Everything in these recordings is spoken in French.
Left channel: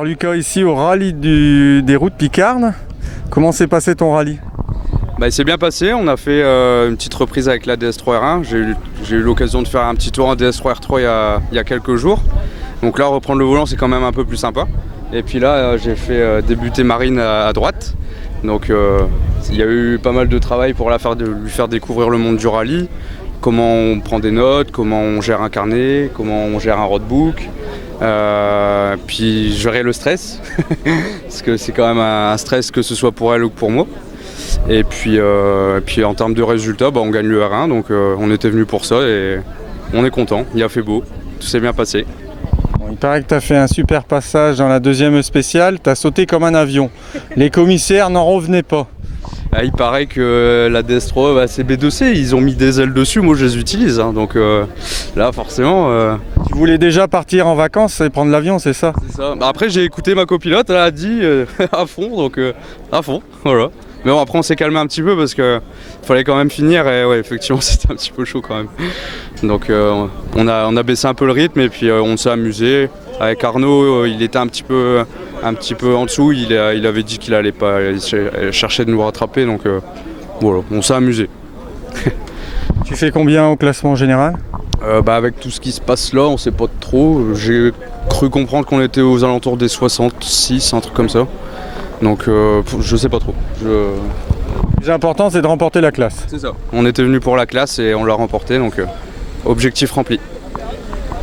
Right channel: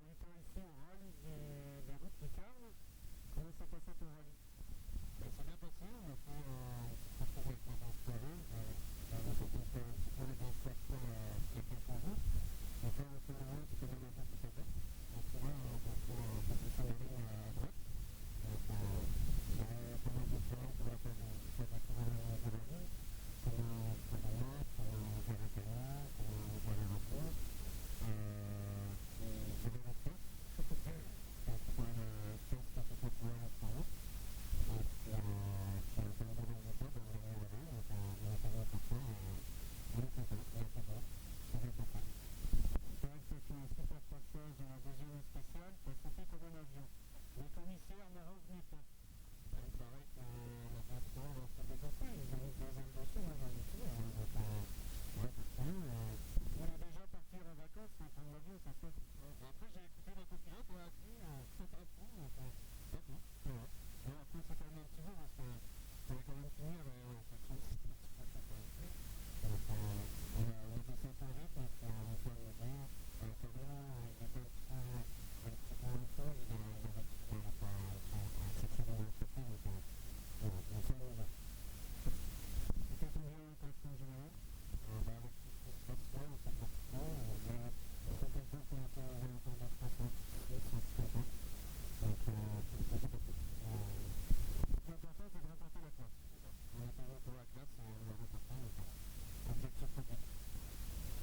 Alors Lucas, ici au rallye des routes Picardes, comment s'est passé ton rallye? Il s'est bien passé, on a fait une petite reprise avec la DS3R1. J'ai eu l'occasion de faire un petit tour en DS3R3 il y a quelques jours. Donc là, reprendre le volant, c'est quand même un peu plus sympa. Et puis là, j'ai fait débuter Marine à droite. Donc il y a eu pas mal de travail pour lui faire découvrir le monde du rallye. Comment on prend des notes, comment on gère un carnet, comment on gère un roadbook. Puis gérer le stress, parce que c'est quand même un stress que ce soit pour elle ou pour moi. Et puis en termes de résultats, on gagne le R1, donc on était venu pour ça et on est content, il a fait beau, tout s'est bien passé. Bon, il paraît que tu as fait un super passage dans la deuxième spéciale, tu as sauté comme un avion. Les commissaires n'en revenaient pas. Il paraît que la DS3 c'est B2C, ils ont mis des ailes dessus, moi je les utilise, hein, donc là forcément... Tu voulais déjà partir en vacances et prendre l'avion, c'est ça? C'est ça. Après j'ai écouté ma copilote, elle a dit à fond, donc à fond, voilà. Mais bon, après on s'est calmé un petit peu parce qu'il fallait quand même finir et ouais, effectivement c'était un petit peu chaud quand même. Donc on a baissé un peu le rythme et puis on s'est amusé. Avec Arnaud, il était un petit peu en dessous, il avait dit qu'il allait pas chercher de nous rattraper, donc voilà, on s'est amusé. Tu fais combien au classement général? Avec tout ce qui se passe là, on sait pas trop. J'ai cru comprendre qu'on était aux alentours des 66, un truc comme ça. Donc je sais pas trop. Le plus important, c'est de remporter la classe. C'est ça. On était venu pour la classe et on l'a remporté, donc objectif rempli.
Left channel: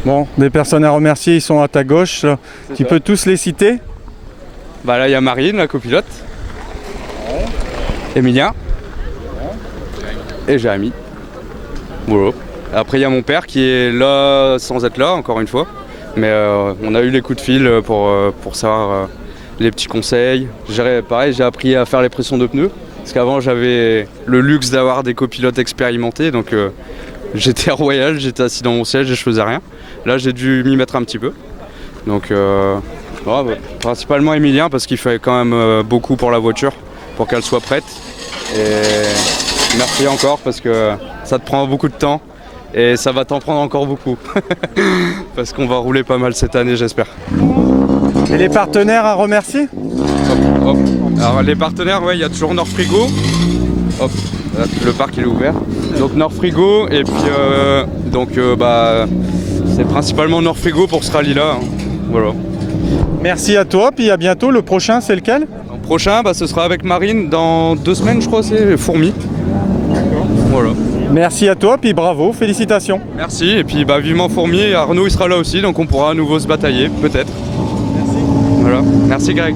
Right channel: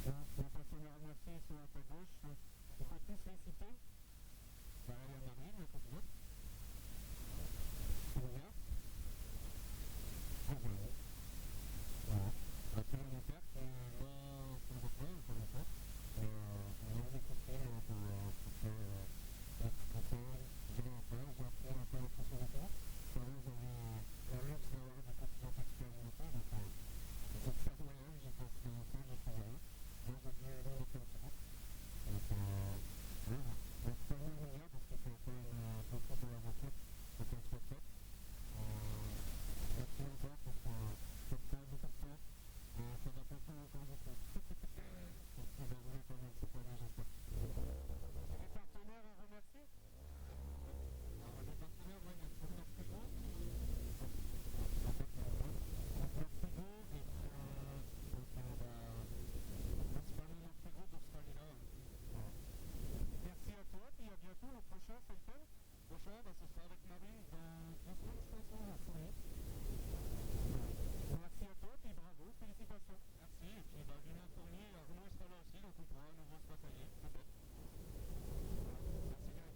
Bon, des personnes à remercier, ils sont à ta gauche. Tu peux tous les citer? Là, il y a Marine, la copilote. Ouais. Emilien. Ouais. Et Jérémy. Voilà. Après, il y a mon père qui est là sans être là, encore une fois. Mais on a eu les coups de fil pour savoir les petits conseils. Pareil, j'ai appris à faire les pressions de pneus. Parce qu'avant, j'avais le luxe d'avoir des copilotes expérimentés. Donc j'étais royal, j'étais assis dans mon siège et je faisais rien. Là, j'ai dû m'y mettre un petit peu. Donc principalement Emilien parce qu'il fait quand même beaucoup pour la voiture, pour qu'elle soit prête. Et merci encore parce que ça te prend beaucoup de temps et ça va t'en prendre encore beaucoup. Parce qu'on va rouler pas mal cette année, j'espère. Et les partenaires à remercier? Hop, hop. Alors les partenaires, il y a toujours Nord Frigo. Hop, le parc il est ouvert. Donc Nord Frigo et puis c'est principalement Nord Frigo pour ce rallye là. Hein. Voilà. Merci à toi, puis à bientôt. Le prochain, c'est lequel? Le prochain, ce sera avec Marine dans 2 semaines, je crois, c'est Fourmi. Voilà. Merci à toi, puis bravo, félicitations. Merci, et puis vivement Fourmi, et Arnaud il sera là aussi, donc on pourra à nouveau se batailler, peut-être. Merci. Voilà. Merci Greg.